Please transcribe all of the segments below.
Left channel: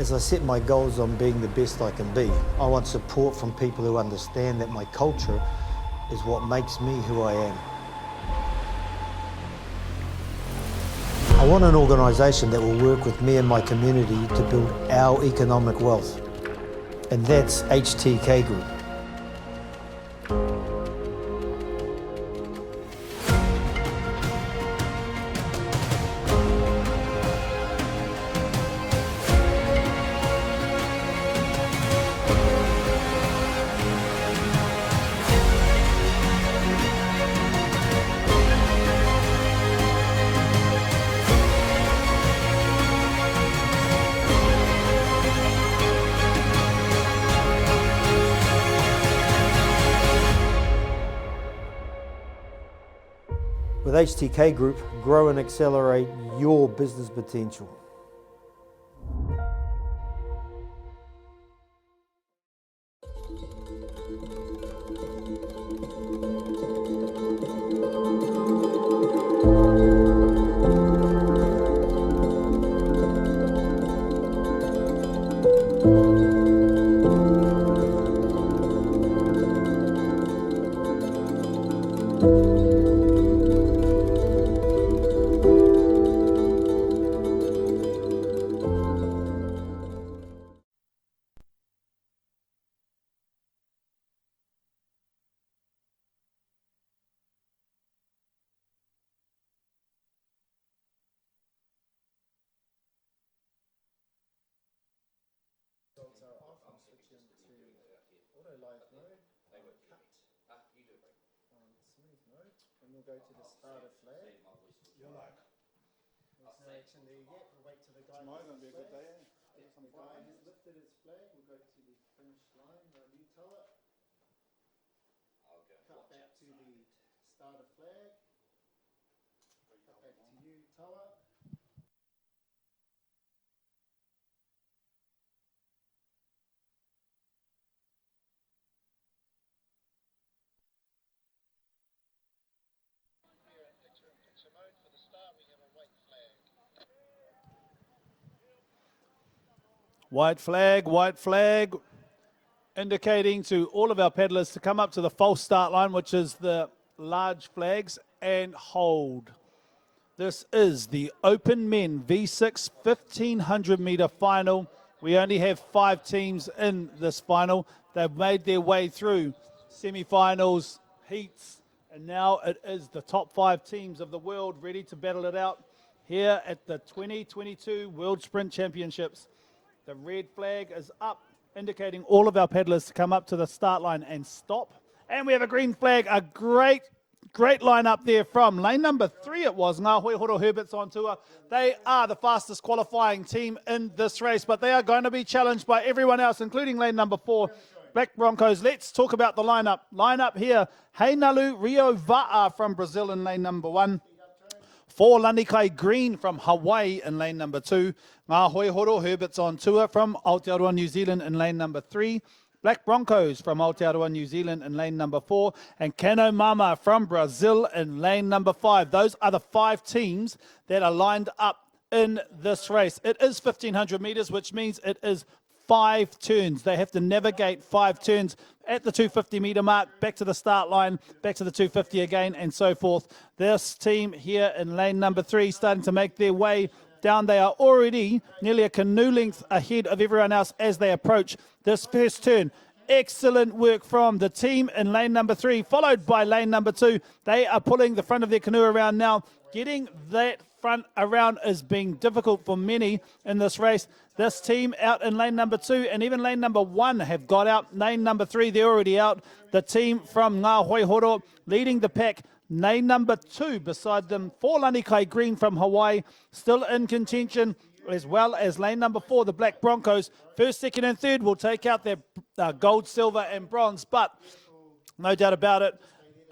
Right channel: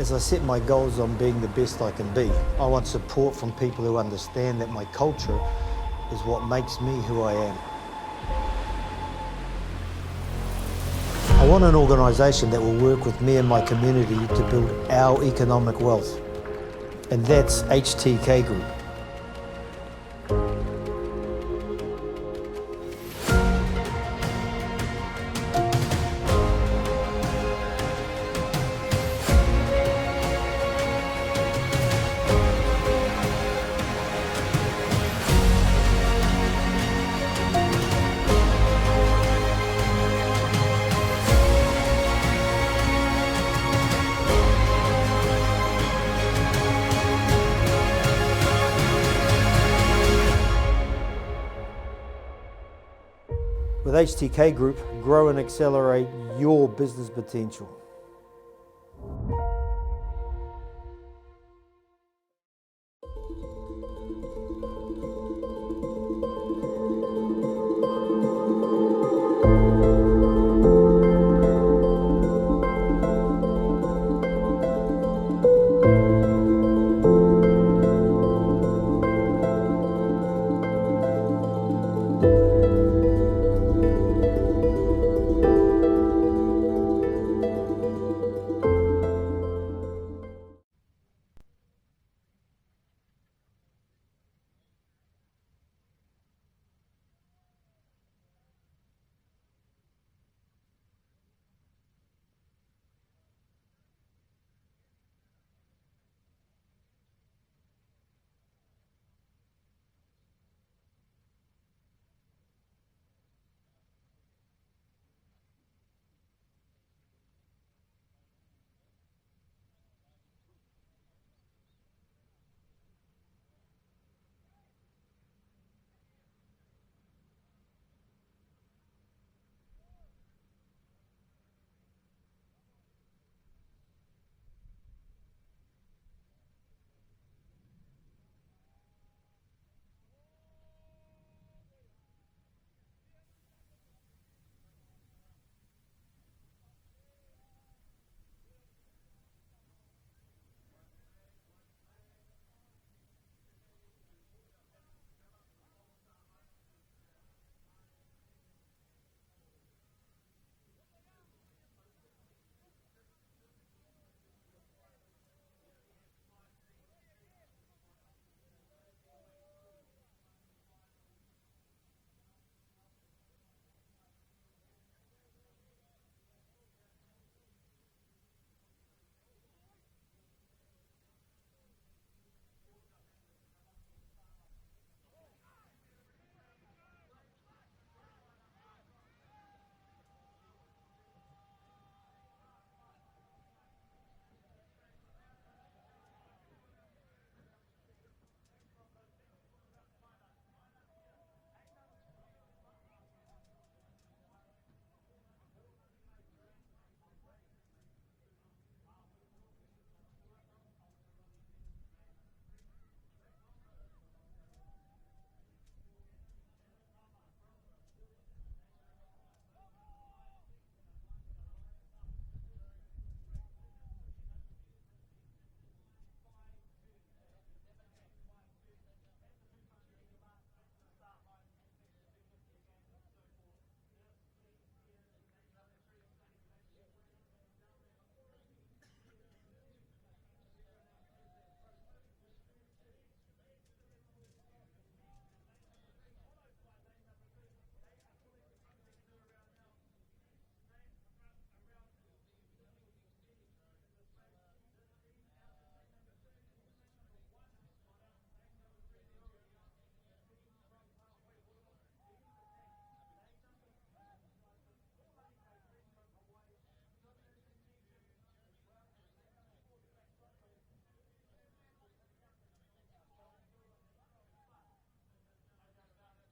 As I set my goals on being the best I can be, I want support from people who understand that my culture is what makes me who I am. I want an organisation that will work with me and my community to build our economic wealth, and that's HTK Group. With HTK Group, grow and accelerate your business potential. Go to the starter flag. You're like, there's no action there yet. We'll wait till the guy. Tomorrow's going to be a good day, eh? The guy has lifted his flag. We'll go to the finish line. You tell it. Cut back to the starter flag. Back to you, tell it. White flag, indicating to all of our paddlers to come up to the false start line, which is the large flags, and hold. This is the Open Men V6 1500 metre final. We only have 5 teams in this final. They've made their way through semi-finals, heats, and now it is the top 5 teams of the world ready to battle it out here at the 2022 World Sprint Championships. The red flag is up, indicating all of our paddlers to come up to the start line and stop. And we have a green flag, a great line up there from lane number 3 it was, Ngā Horo Herberts on tour. They are the fastest qualifying team in this race, but they are going to be challenged by everyone else, including lane number 4, Black Broncos. Let's talk about the lineup. Lineup here, Heinalu Rio Va'a from Brazil in lane number 1. 4 Lanikai Green from Hawaii in lane number 2. Ngā Horo Herberts on tour from Aotearoa, New Zealand in lane number 3. Black Broncos from Aotearoa, New Zealand in lane number 4. And Kano Mama from Brazil in lane number 5. Those are the 5 teams that are lined up in this race. It is 1500 metres, which means it is 5 turns. They have to navigate 5 turns at the 250 metre mark, back to the start line, back to the 250 again, and so forth. This team here in lane number 3 starting to make their way down. They are already nearly a canoe length ahead of everyone else as they approach this first turn. Excellent work from the team in lane number 3, followed by lane number 2. They are pulling the front of their canoe around now. Getting that front around is being difficult for many in this race. This team out in lane number 2 and even lane number 1 have got out. Lane number 3, they're already out. The team from Ngā Horo leading the pack. Lane number 2 beside them, 4 Lanikai Green from Hawaii, still in contention, as well as lane number 4, the Black Broncos. First, second, and third will take out their gold, silver, and bronze, but no doubt about it,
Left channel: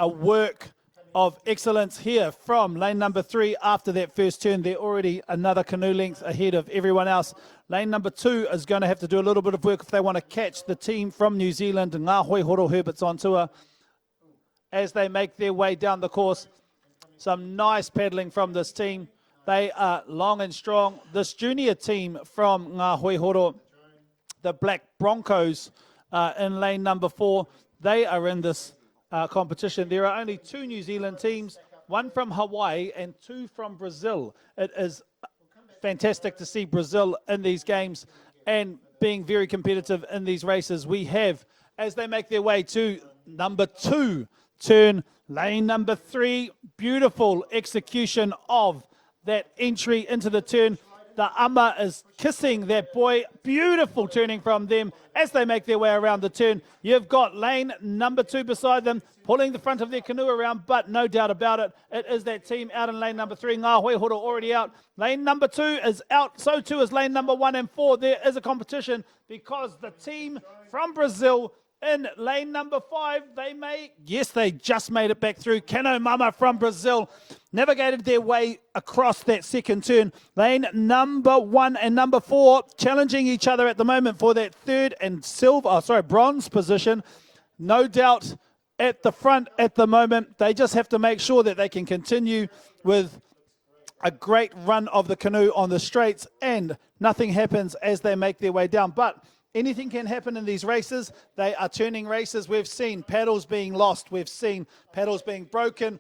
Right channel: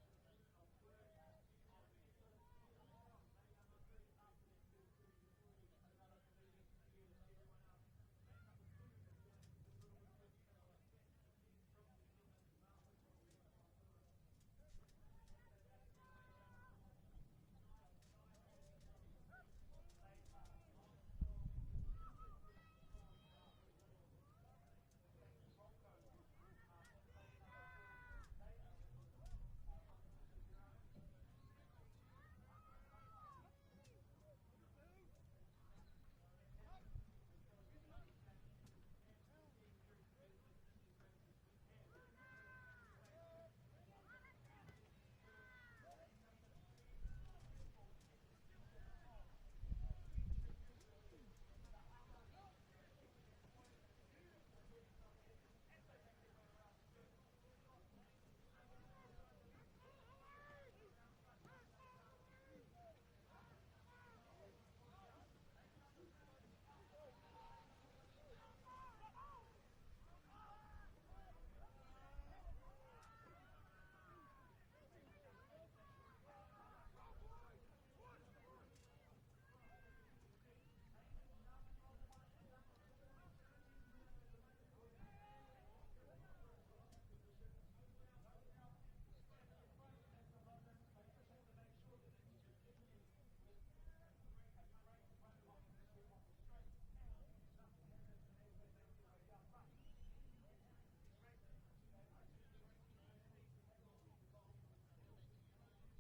a work of excellence here from lane number 3. After that first turn, they're already another canoe length ahead of everyone else. Lane number 2 is going to have to do a little bit of work if they want to catch the team from New Zealand, Ngā Horo Herberts on tour, as they make their way down the course. Some nice paddling from this team. They are long and strong. This junior team from Ngā Hoihoro, the Black Broncos, in lane number 4, they are in this competition. There are only 2 New Zealand teams, 1 from Hawaii and 2 from Brazil. It is fantastic to see Brazil in these games and being very competitive in these races. We have, as they make their way to number 2 turn, lane number 3, beautiful execution of that entry into the turn. The ama is kissing that boy. Beautiful turning from them as they make their way around the turn. You've got lane number 2 beside them, pulling the front of their canoe around, but no doubt about it, it is that team out in lane number 3. Ngā Hoihoro already out. Lane number 2 is out, so too is lane number 1 and 4. There is a competition because the team from Brazil in lane number 5, they just made it back through. Kano Mama from Brazil navigated their way across that second turn. Lane number 1 and number 4 challenging each other at the moment for that third and bronze position. No doubt at the front at the moment. They just have to make sure that they can continue with a great run of the canoe on the straights and nothing happens as they make their way down. But anything can happen in these races. They are turning races. We've seen paddles being lost. We've seen paddles being broken.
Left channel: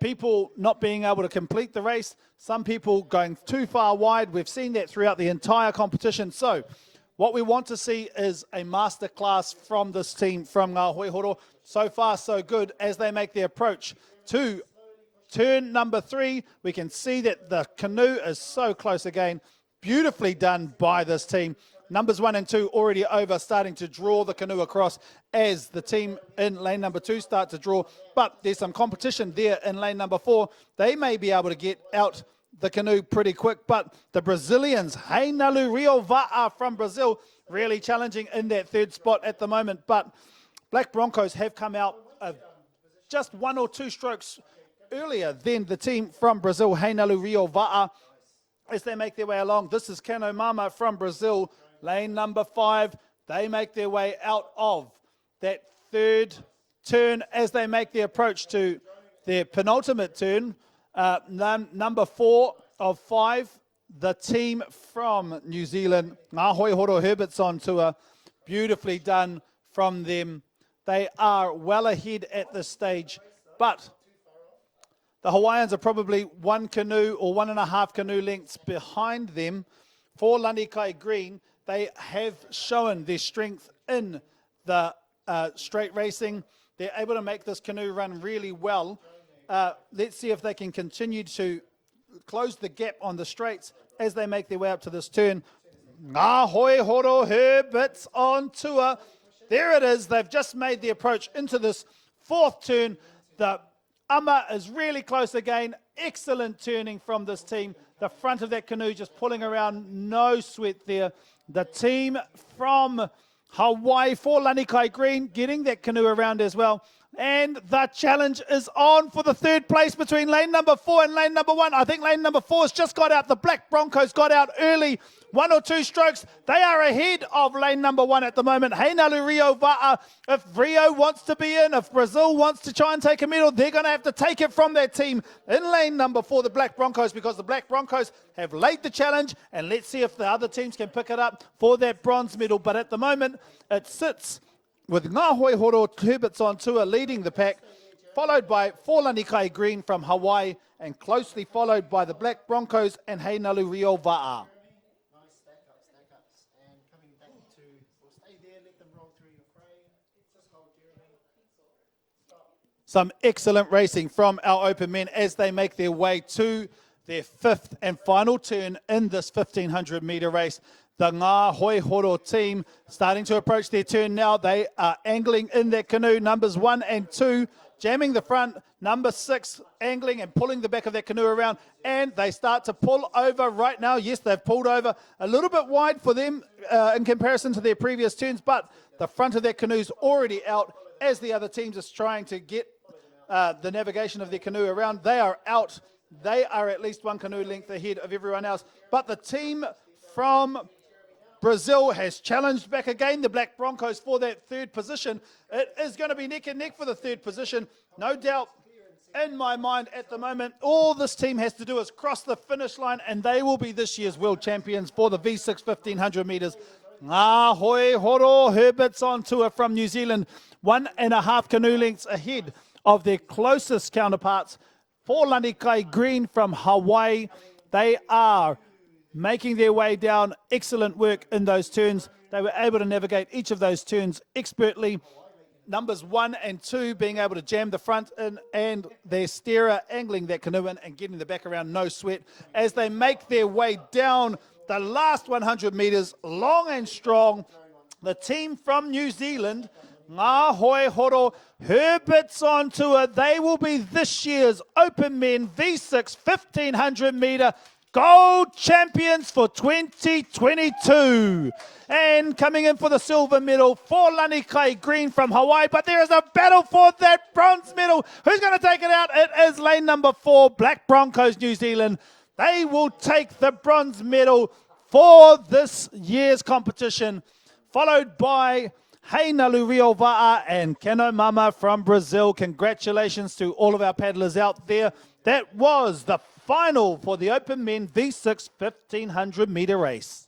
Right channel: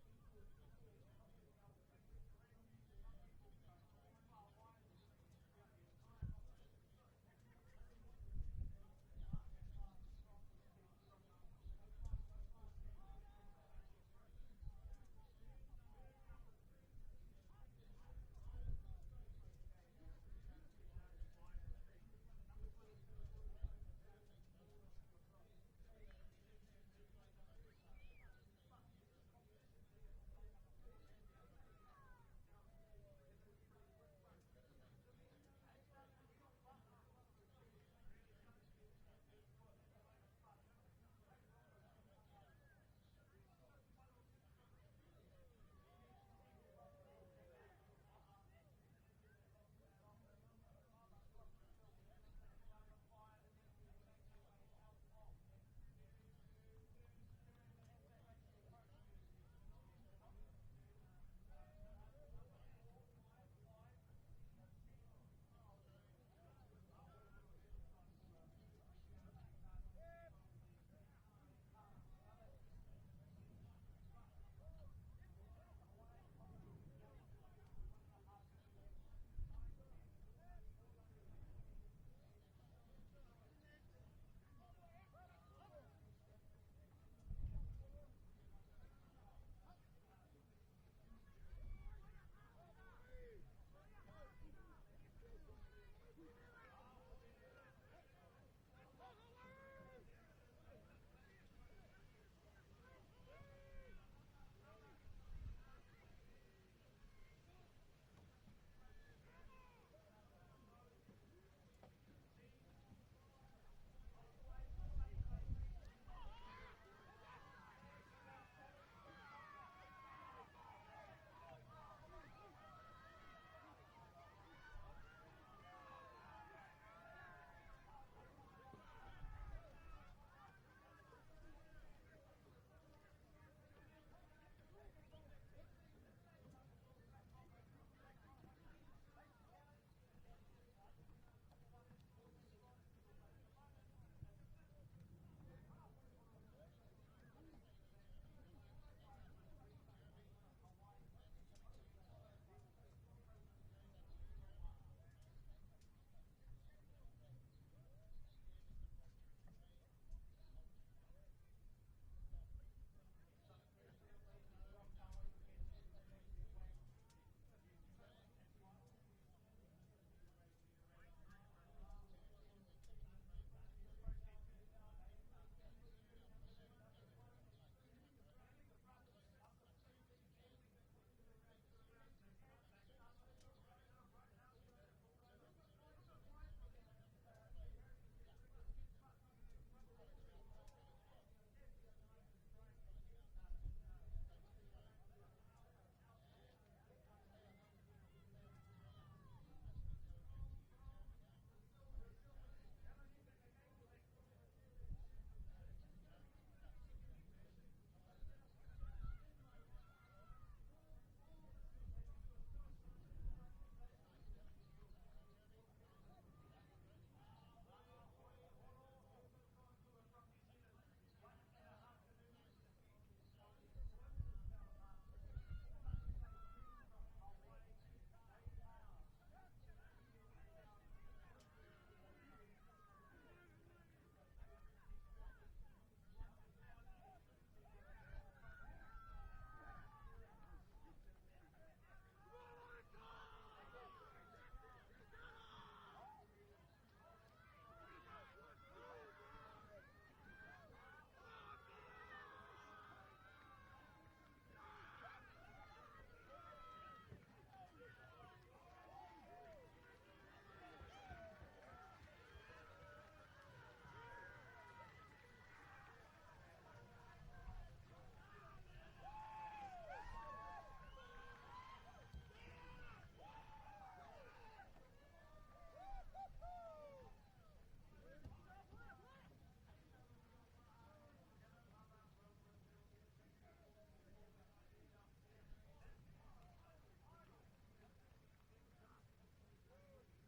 People not being able to complete the race. Some people going too far wide. We've seen that throughout the entire competition. So what we want to see is a masterclass from this team from Ngā Hoihoro. So far, so good as they make their approach to turn number 3. We can see that the canoe is so close again. Beautifully done by this team. Numbers 1 and 2 already over, starting to draw the canoe across as the team in lane number 2 start to draw. But there's some competition there in lane number 4. They may be able to get out the canoe pretty quick, but the Brazilians, Heinalu Rio Va'a from Brazil, really challenging in that third spot at the moment. But Black Broncos have come out just 1 or 2 strokes earlier than the team from Brazil, Heinalu Rio Va'a, as they make their way along. This is Kano Mama from Brazil, lane number 5. They make their way out of that third turn as they make the approach to their penultimate turn. Number 4 of 5, the team from New Zealand, Ngā Hoihoro Herbert's on tour. Beautifully done from them. They are well ahead at this stage, but the Hawaiians are probably 1 canoe or 1.5 canoe lengths behind them. For Lanikai Green, they have shown their strength in the straight racing. They're able to make this canoe run really well. Let's see if they can continue to close the gap on the straights as they make their way up to this turn. Ngā Hoihoro Herbert's on tour. There it is. They've just made the approach into this 4th turn. The ama is really close again. Excellent turning from this team. The front of that canoe just pulling around. No sweat there. The team from Hawaii for Lanikai Green getting that canoe around as well. And the challenge is on for the 3rd place between lane number 4 and lane number 1. I think lane number 4 has just got out. The Black Broncos got out early. 1 or 2 strokes. They are ahead of lane number 1 at the moment. Heinalu Rio Va'a. If Rio wants to be in, if Brazil wants to try and take a medal, they're going to have to take it from their team in lane number 4, the Black Broncos, because the Black Broncos have laid the challenge, and let's see if the other teams can pick it up for that bronze medal. But at the moment, it sits with Ngā Hoihoro Herbert's on tour leading the pack, followed by For Lanikai Green from Hawaii, and closely followed by the Black Broncos and Heinalu Rio Va'a. Some excellent racing from our open men as they make their way to their 5th and final turn in this 1,500 metre race. The Ngā Hoihoro team starting to approach their turn now. They are angling in their canoe. Numbers 1 and 2 jamming the front. Number 6 angling and pulling the back of that canoe around. And they start to pull over right now. Yes, they've pulled over a little bit wide for them in comparison to their previous turns. But the front of their canoe's already out as the other teams are trying to get the navigation of their canoe around. They are out. They are at least 1 canoe length ahead of everyone else. But the team from Brazil has challenged back again the Black Broncos for that 3rd position. It is going to be neck and neck for the 3rd position. No doubt in my mind at the moment, all this team has to do is cross the finish line and they will be this year's world champions for the V6 1500 metres. Hoi Horo Herbert's on tour from New Zealand, 1.5 canoe lengths ahead of their closest counterparts. For Lanikai Green from Hawaii, they are making their way down. Excellent work in those turns. They were able to navigate each of those turns expertly. Numbers 1 and 2 being able to jam the front in, and their steerer angling that canoe in and getting the back around, no sweat, as they make their way down the last 100 metres, long and strong. The team from New Zealand, Ngā Hoi Horo Herbert's on tour. They will be this year's Open Men V6 1500 metre gold champions for 2022. And coming in for the silver medal for Lanikai Green from Hawaii. But there is a battle for that bronze medal. Who's going to take it out? It is lane number 4, Black Broncos, New Zealand. They will take the bronze medal for this year's competition, followed by Heinalu Rio Va'a and Keno Mama from Brazil. Congratulations to all of our paddlers out there. That was the final for the Open Men V6 1500 metre race.